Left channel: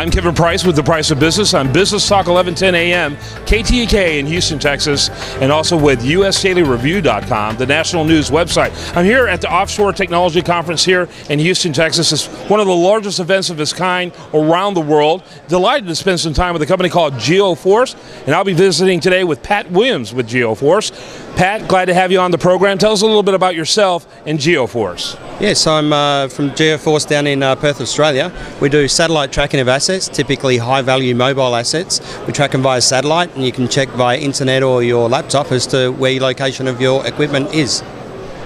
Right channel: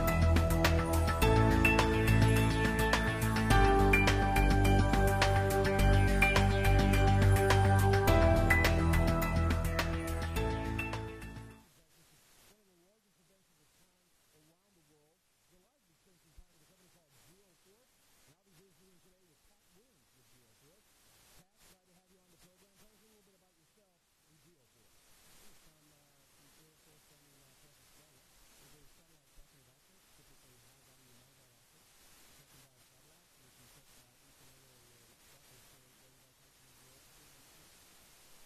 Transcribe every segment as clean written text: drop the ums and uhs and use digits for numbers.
I'm Kevin Price with The Price of Business on Business Talk 1110 AM, KTK in Houston, Texas, and also with USDailyReview.com, the national news website. I'm here at the Offshore Technology Conference here in Houston, Texas. It's one of the largest events of its kind around the world. Delighted to spend some time with a company called Geoforce, and I'll be visiting today with Pat Williams with Geoforce. Pat, glad to have you on the program. Tell us a little bit about yourself and Geoforce. Yes, I'm from Geoforce down in Perth, Australia. We do satellite tracking of assets, typically high-value mobile assets. We track them via satellite, and you can check via internet or your laptop as to where your location of your equipment is.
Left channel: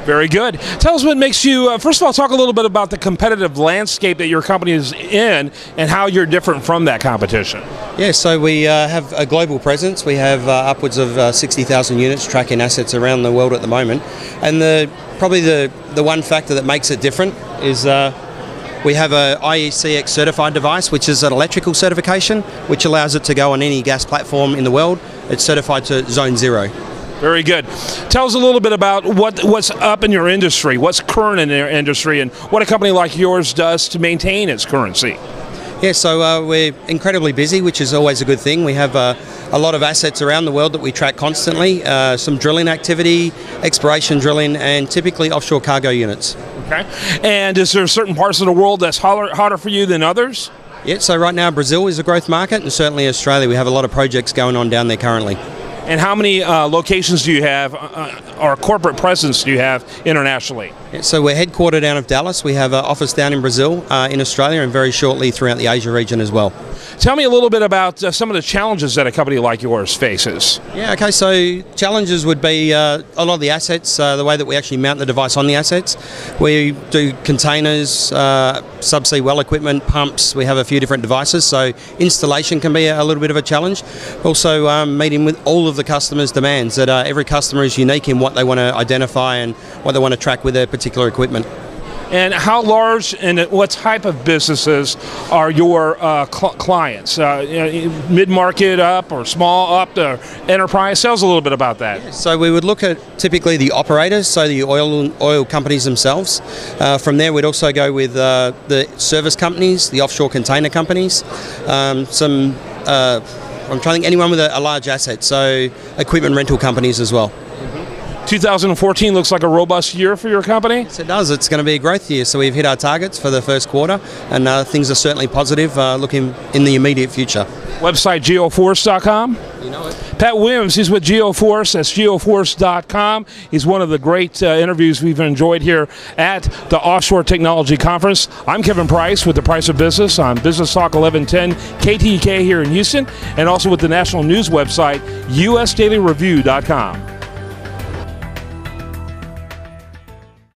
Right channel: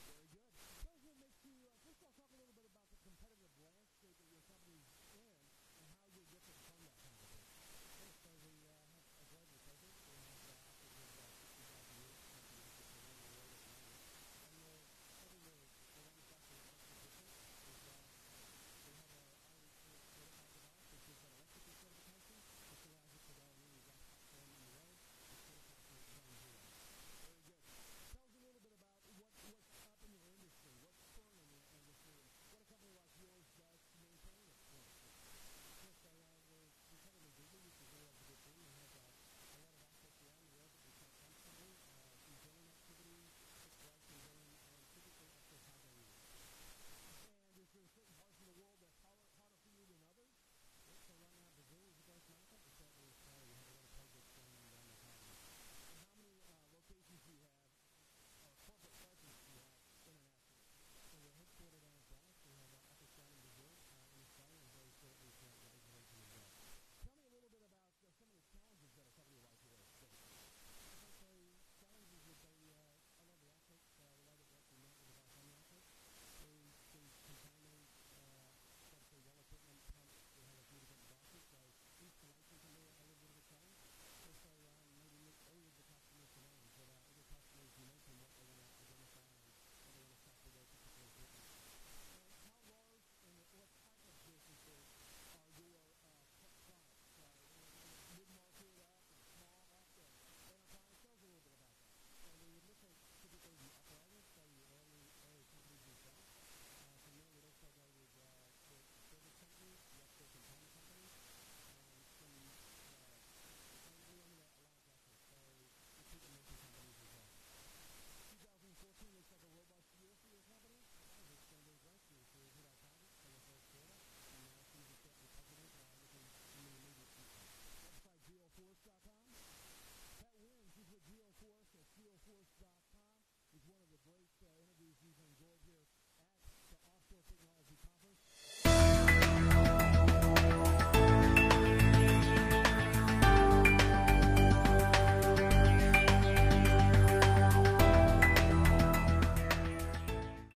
Very good. Tell us what makes you, first of all, talk a little bit about the competitive landscape that your company is in and how you're different from that competition. Yeah, so we have a global presence. We have upwards of 60,000 units tracking assets around the world at the moment. And probably the one factor that makes it different is we have a IECX certified device, which is an electrical certification, which allows it to go on any gas platform in the world. It's certified to Zone 0. Very good. Tell us a little bit about what's up in your industry, what's current in your industry, and what a company like yours does to maintain its currency. Yeah, so we're incredibly busy, which is always a good thing. We have a lot of assets around the world that we track constantly, some drilling activity, exploration drilling, and typically offshore cargo units. Okay. And is there certain parts of the world that's hotter for you than others? Yeah, so right now Brazil is a growth market, and certainly Australia. We have a lot of projects going on down there currently. And how many locations do you have, or corporate presence do you have internationally? Yeah, so we're headquartered out of Dallas. We have an office down in Brazil, in Australia, and very shortly throughout the Asia region as well. Tell me a little bit about some of the challenges that a company like yours faces. Yeah, okay, so challenges would be a lot of the assets, the way that we actually mount the device on the assets. We do containers, subsea well equipment, pumps. We have a few different devices, so installation can be a little bit of a challenge. Also meeting with all of the customers' demands, that every customer is unique in what they want to identify and what they want to track with their particular equipment. And how large and what type of businesses are your clients? Mid-market up or small up to enterprise? Tell us a little bit about that. So we would look at typically the operators, so the oil companies themselves. From there we'd also go with the service companies, the offshore container companies, I'm trying to think anyone with a large asset, so equipment rental companies as well. 2014 looks like a robust year for your company? Yes, it does. It's going to be a growth year. So we've hit our targets for the first quarter, and things are certainly positive looking in the immediate future. Website geoforce.com? You know it. Pat Williams, he's with Geoforce. That's geoforce.com. He's one of the great interviews we've enjoyed here at the Offshore Technology Conference. I'm Kevin Price with The Price of Business on Business Talk 1110 KTK here in Houston, and also with the national news website USDailyReview.com.